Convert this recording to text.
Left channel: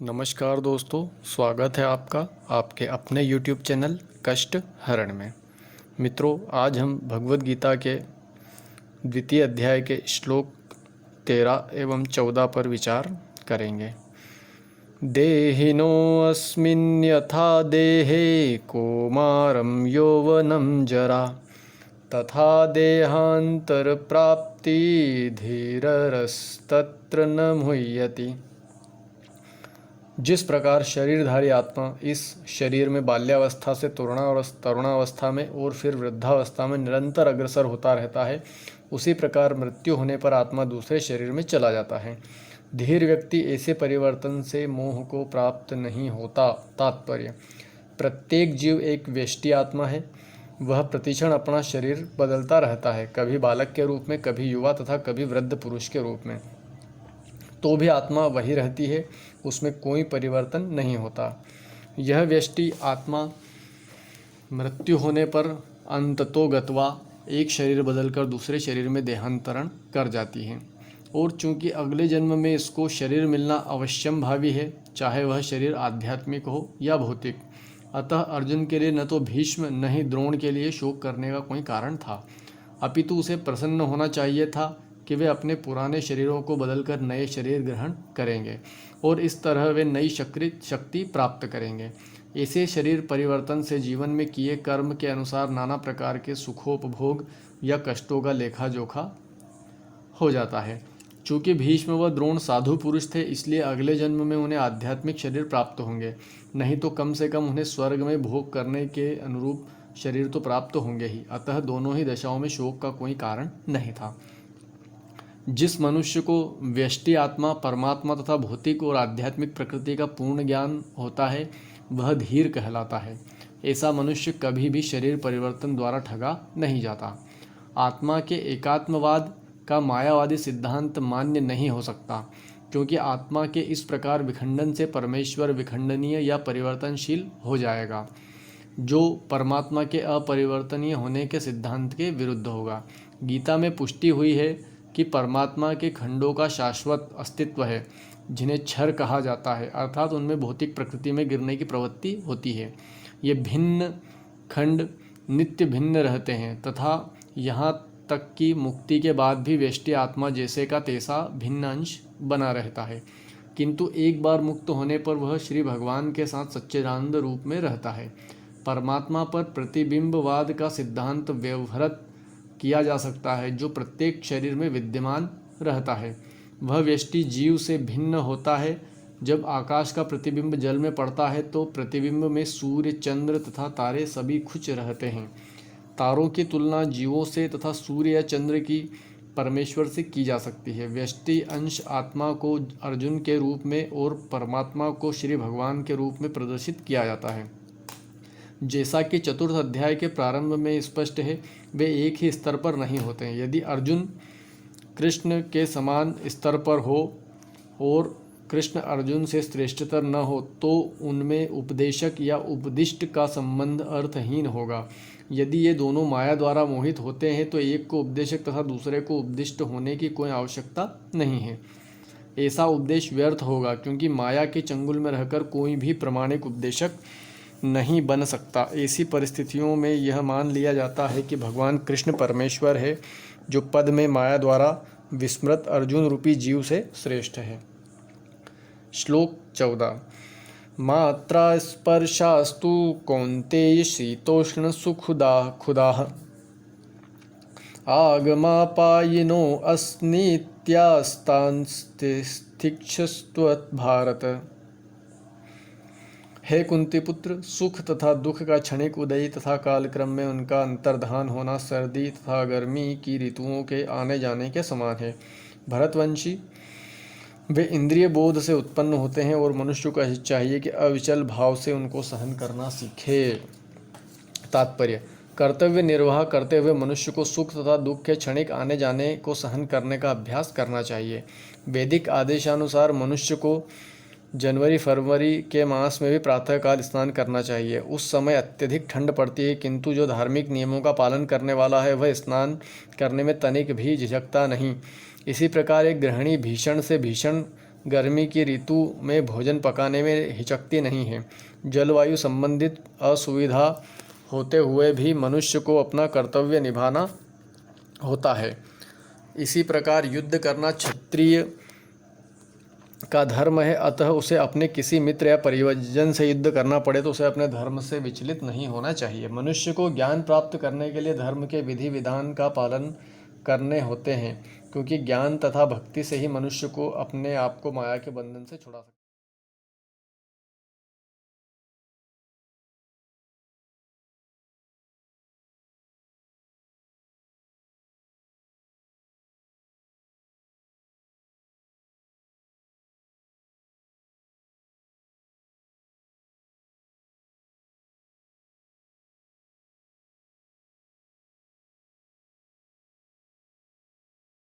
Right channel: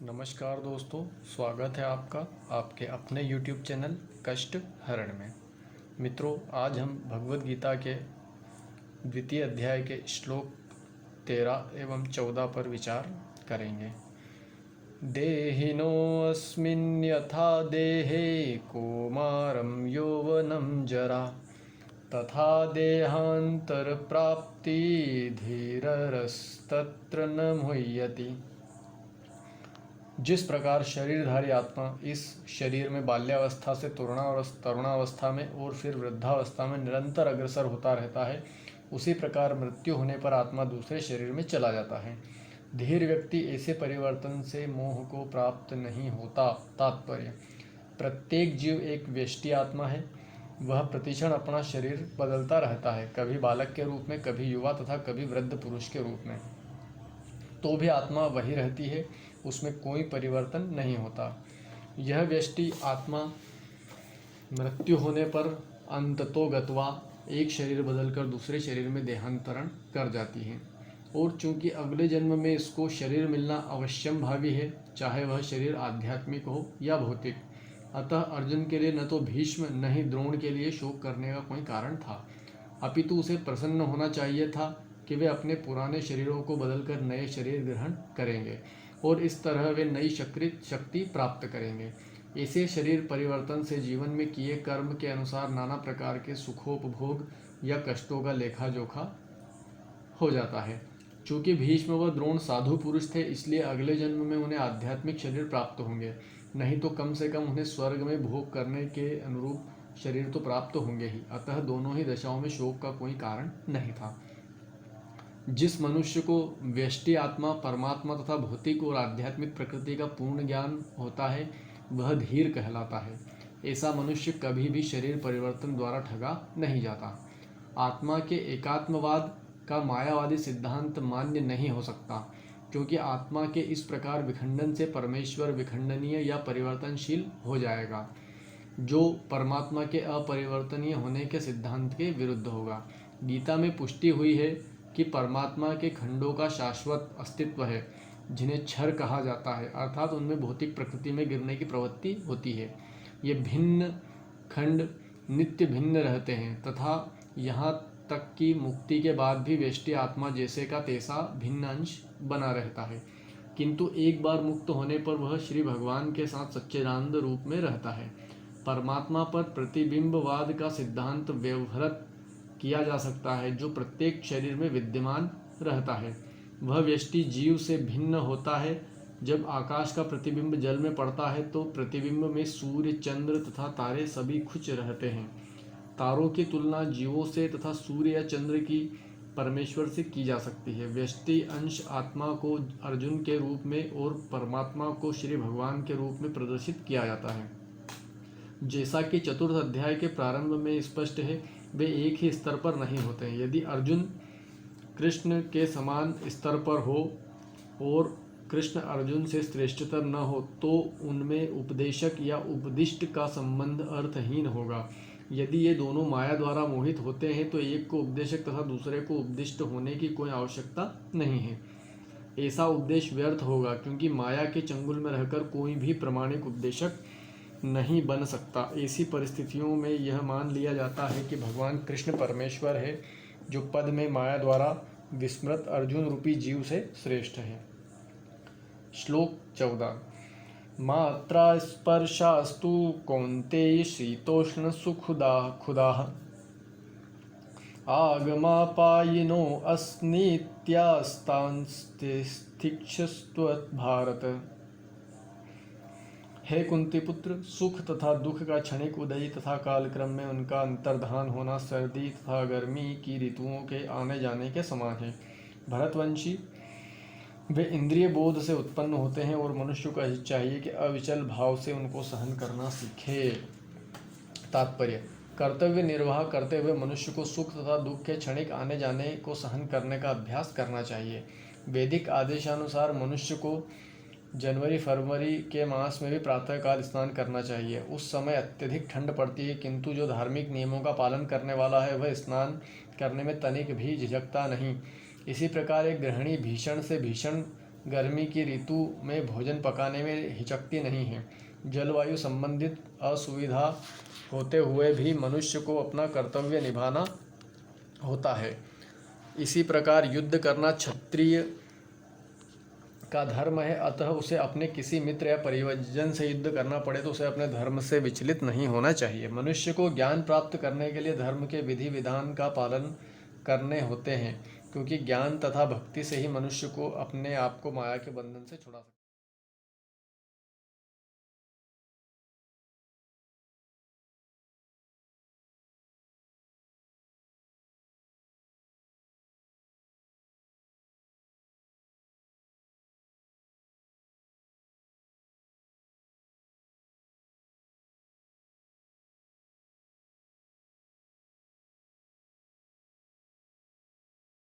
नमस्कार दोस्तों, स्वागत है आपका आपके अपने YouTube चैनल कष्ट हरण में। मित्रों, आज हम भगवद गीता के द्वितीय अध्याय के श्लोक 13 एवं 14 पर विचार करेंगे। देहिनोऽस्मिन् यथा देहे कौमारं यौवनं जरा तथा देहान्तरप्राप्ति धीररस्तत्र न मुह्यति। जिस प्रकार शरीरधारी आत्मा इस शरीर में बाल्यावस्था से तरुणावस्था में और फिर वृद्धावस्था में निरंतर अग्रसर होता रहता है, उसी प्रकार मृत्यु होने पर आत्मा दूसरे शरीर में चला जाता है। धीर व्यक्ति ऐसे परिवर्तन से मोह को प्राप्त नहीं होता। तात्पर्य: प्रत्येक जीव एक व्यष्टि आत्मा है। वह प्रतिक्षण अपना शरीर बदलता रहता है, कभी बालक के रूप में, कभी युवा तथा कभी वृद्ध पुरुष के रूप में। तो भी आत्मा वही रहती है, उसमें कोई परिवर्तन नहीं होता। यह व्यष्टि आत्मा मृत्यु होने पर अंततोगत्वा एक शरीर बदलकर दूसरे शरीर में देहांतरण कर जाती है, और चूंकि अगले जन्म में इसको शरीर मिलना अवश्यम भावी है, चाहे वह शरीर आध्यात्मिक हो या भौतिक। अतः अर्जुन के लिए न तो भीष्म न ही द्रोण के लिए शोक करने का कोई कारण था, अपितु उसे प्रसन्न होना चाहिए था कि वे अपने पुराने शरीरों को बदलकर नए शरीर ग्रहण करेंगे और इस तरह वे नई शक्ति प्राप्त करेंगे। ऐसे शरीर परिवर्तन से जीवन में किए कर्म के अनुसार नाना प्रकार के सुखोपभोग या कष्टों का लेखा जोखा हो जाता है। चूँकि भीष्म व द्रोण साधु पुरुष थे, इसलिए अगले जन्म में उन्हें आध्यात्मिक शरीर प्राप्त होंगे, नहीं तो कम से कम उन्हें स्वर्ग में भोग करने के अनुरूप शरीर तो प्राप्त होंगे ही। अतः दोनों ही दशाओं में शोक का कोई कारण नहीं था। जिस मनुष्य को व्यष्टि आत्मा, परमात्मा तथा भौतिक और आध्यात्मिक प्रकृति का पूर्ण ज्ञान होता है, वह धीर कहलाता है। ऐसा मनुष्य कभी भी शरीर परिवर्तन द्वारा ठगा नहीं जाता। आत्मा के एकात्मवाद का मायावादी सिद्धांत मान्य नहीं हो सकता, क्योंकि आत्मा के इस प्रकार विखंडन से परमेश्वर विखंडनीय या परिवर्तनशील हो जाएगा, जो परमात्मा के अपरिवर्तनीय होने के सिद्धांत के विरुद्ध होगा। गीता में पुष्टि हुई है कि परमात्मा के खंडों का शाश्वत अस्तित्व है, जिन्हें क्षर कहा जाता है, अर्थात उनमें भौतिक प्रकृति में गिरने की प्रवृत्ति होती है। ये भिन्न खंड नित्य भिन्न रहते हैं तथा यहाँ तक कि मुक्ति के बाद भी व्यष्टि आत्मा जैसे का तैसा भिन्न अंश बना रहता है, किंतु एक बार मुक्त होने पर वह श्री भगवान के साथ सच्चिदानंद रूप में रहता है। परमात्मा पर प्रतिबिंबवाद का सिद्धांत व्यवहृत किया जा सकता है, जो प्रत्येक शरीर में विद्यमान रहता है। वह व्यष्टि जीव से भिन्न होता है। जब आकाश का प्रतिबिंब जल में पड़ता है तो प्रतिबिंब में सूर्य, चंद्र तथा तारे सभी खुच रहते हैं। तारों की तुलना जीवों से तथा सूर्य या चंद्र की परमेश्वर से की जा सकती है। व्यष्टि अंश आत्मा को अर्जुन के रूप में और परमात्मा को श्री भगवान के रूप में प्रदर्शित किया जाता है। जैसा कि चतुर्थ अध्याय के प्रारंभ में स्पष्ट है, वे एक ही स्तर पर नहीं होते हैं। यदि अर्जुन कृष्ण के समान स्तर पर हो और कृष्ण अर्जुन से श्रेष्ठतर न हो, तो उनमें उपदेशक या उपदिष्ट का संबंध अर्थहीन होगा। यदि ये दोनों माया द्वारा मोहित होते हैं, तो एक को उपदेशक तथा दूसरे को उपदिष्ट होने की कोई आवश्यकता नहीं है। ऐसा उपदेश व्यर्थ होगा, क्योंकि माया के चंगुल में रहकर कोई भी प्रामाणिक उपदेशक नहीं बन सकता। ऐसी परिस्थितियों में यह मान लिया जाता है कि भगवान कृष्ण परमेश्वर है, जो पद में माया द्वारा विस्मृत अर्जुन रूपी जीव से श्रेष्ठ है। श्लोक 14। मात्रा स्पर्शास्तु कौन्तेय शीतोष्ण सुखुदाः आगमापायिनो अस्नित्यास्तांस्तितिक्षस्त्वत्। हे कुंती पुत्र, सुख तथा दुख का क्षणिक उदय तथा कालक्रम में उनका अंतर्धान होना सर्दी तथा गर्मी की ऋतुओं के आने जाने के समान है। भरतवंशी, वे इंद्रिय बोध से उत्पन्न होते हैं और मनुष्य को चाहिए कि अविचल भाव से उनको सहन करना सीखे। तात्पर्य: कर्तव्य निर्वाह करते हुए मनुष्य को सुख तथा दुख के क्षणिक आने जाने को सहन करने का अभ्यास करना चाहिए। वैदिक आदेशानुसार मनुष्य को जनवरी फरवरी के मास में भी प्रातःकाल स्नान करना चाहिए। उस समय अत्यधिक ठंड पड़ती है, किंतु जो धार्मिक नियमों का पालन करने वाला है, वह स्नान करने में तनिक भी झिझकता नहीं। इसी प्रकार एक गृहिणी भीषण से भीषण गर्मी की ऋतु में भोजन पकाने में हिचकती नहीं है। जलवायु संबंधित असुविधा होते हुए भी मनुष्य को अपना कर्तव्य निभाना होता है। इसी प्रकार युद्ध करना क्षत्रिय का धर्म है, अतः उसे अपने किसी मित्र या परिजन से युद्ध करना पड़े तो उसे अपने धर्म से विचलित नहीं होना चाहिए। मनुष्य को ज्ञान प्राप्त करने के लिए धर्म के विधि विधान का पालन करने होते हैं, क्योंकि ज्ञान तथा भक्ति से ही मनुष्य को अपने आप को माया के बंधन से छुड़ा सकता है।